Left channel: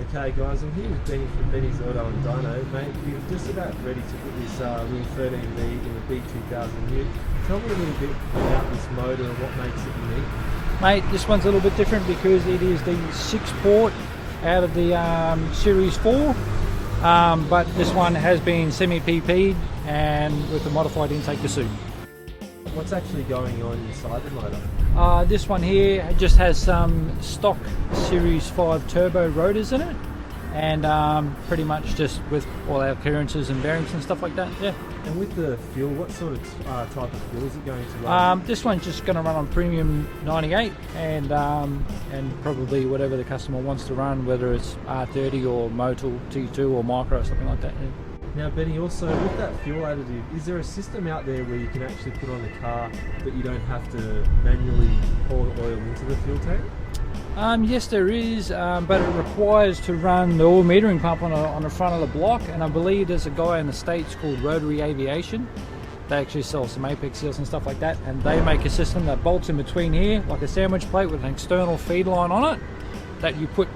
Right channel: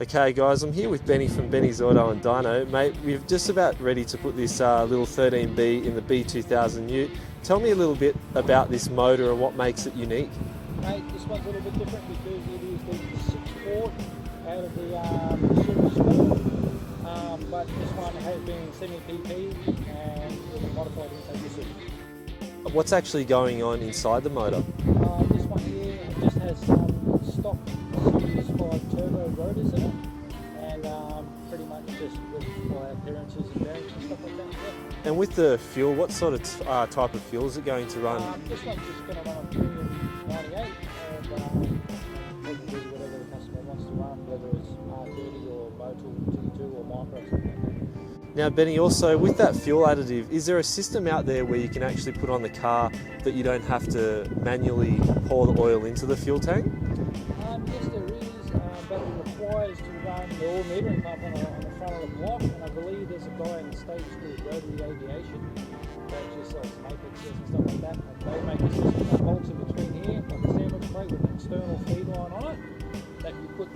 Okay guys, I'm here with Benny from Benny's Auto and Dyno. Mate, we're just about ready to put this little 13B in the B2000 ute. Tell me a little bit about this motor and what makes it unique. Mate, this one's a little bit different because it is the 6-port out of the Series 4, but this one has been semi-PP'd and with a modified intake to suit. What's actually going on inside the motor? This one here just has some stock Series 5 turbo rotors in it, and pretty much just with all our clearances and bearings and stuff like that, yeah. And with the fuel, what sort of type of fuel is it going to run? This one's just going to run on premium 98 and probably whatever the customer wants to run, whether it's R30 or Motul T2 or Micro or something like that. Yeah. Now Benny, also with that fuel additive, is there a system out there where you can actually put on the car that you don't have to manually pour the oil into the fuel tank? Yes there is, but it requires to run the oil metering pump on the front of the block, and I believe there's a guy in the States called Rotary Aviation. They actually sell some Apex seals and stuff like that, and they make a system that bolts in between here like a sandwich plate with an external feed line on it that you put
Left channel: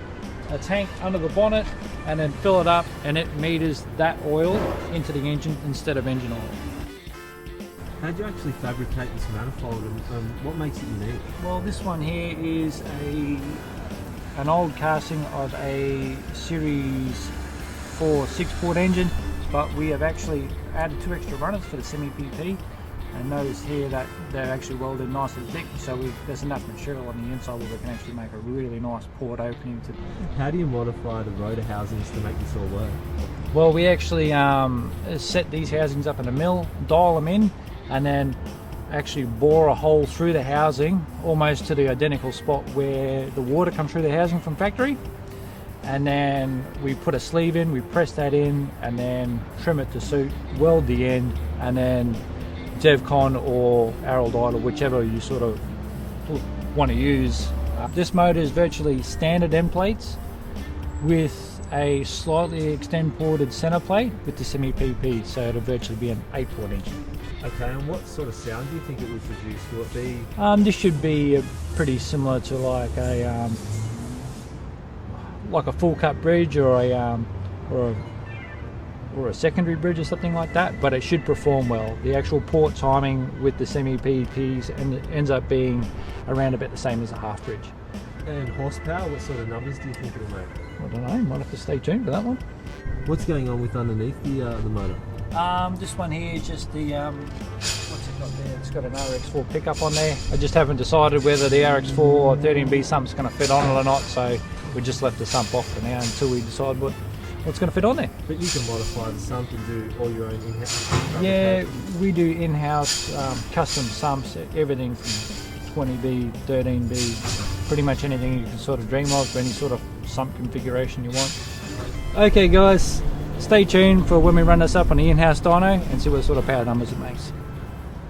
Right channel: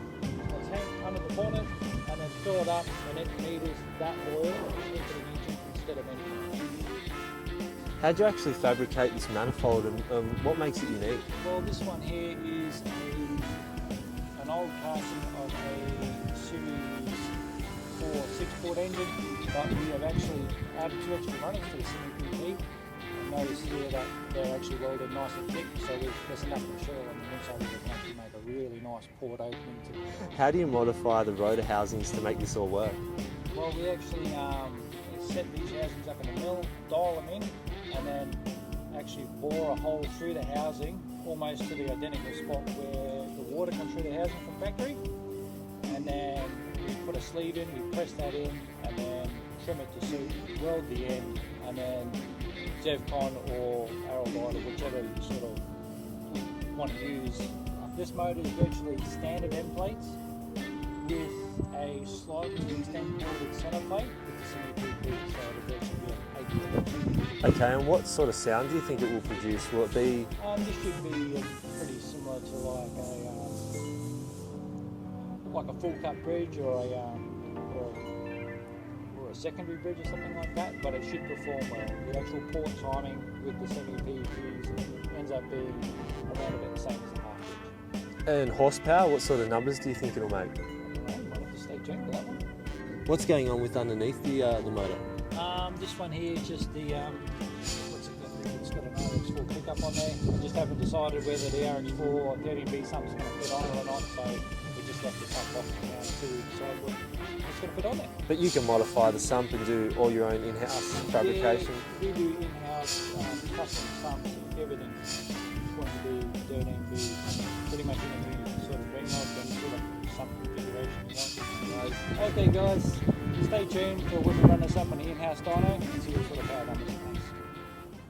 a tank under the bonnet and then fill it up, and it meters that oil into the engine instead of engine oil. How do you actually fabricate this manifold, and what makes it unique? Well, this one here is an old casting of a Series 4 6-port engine, but we have actually added 2 extra runners to the semi-PP, and notice here that they're actually welded nice and thick, so there's enough material on the inside where we can actually make a really nice port opening. How do you modify the rotor housings to make this all work? Well, we actually set these housings up in a mill, dial them in, and then actually bore a hole through the housing almost to the identical spot where the water comes through the housing from factory, and then we put a sleeve in, we press that in, and then trim it to suit, weld the end, and then Zevcon or Araldite, or whichever you sort of want to use. This motor is virtually standard end plates with a slightly extend ported center plate with the semi-PP, so it'll virtually be an 8-port engine. Okay, and what sort of sound do you think it will produce? Will it be? This should be pretty similar to like a full cut bridge or a secondary bridge or something like that, but it should perform well. The actual port timing with the semi-PPs ends up being around about the same as a half bridge. And horsepower, what sort of numbers do you think it'll make? I don't know, might have to stay tuned for that one. What's going on with underneath the motor? This one here is just the, what's it got there? It's got an RX4 pickup on there. I just haven't decided whether the RX4 or 13B sump's going to fit on it or not, so we just left the sump off for now until we decide what's going to fit on there. But you can modify the sump and do all your own in-house fabrication? Yeah, we do in-house custom sumps, everything from 20B, 13B, pretty much anything you can sort of dream of, any sort of sump configuration you want. Okay guys, stay tuned for when we run this up on the in-house dyno and see what sort of power numbers it makes.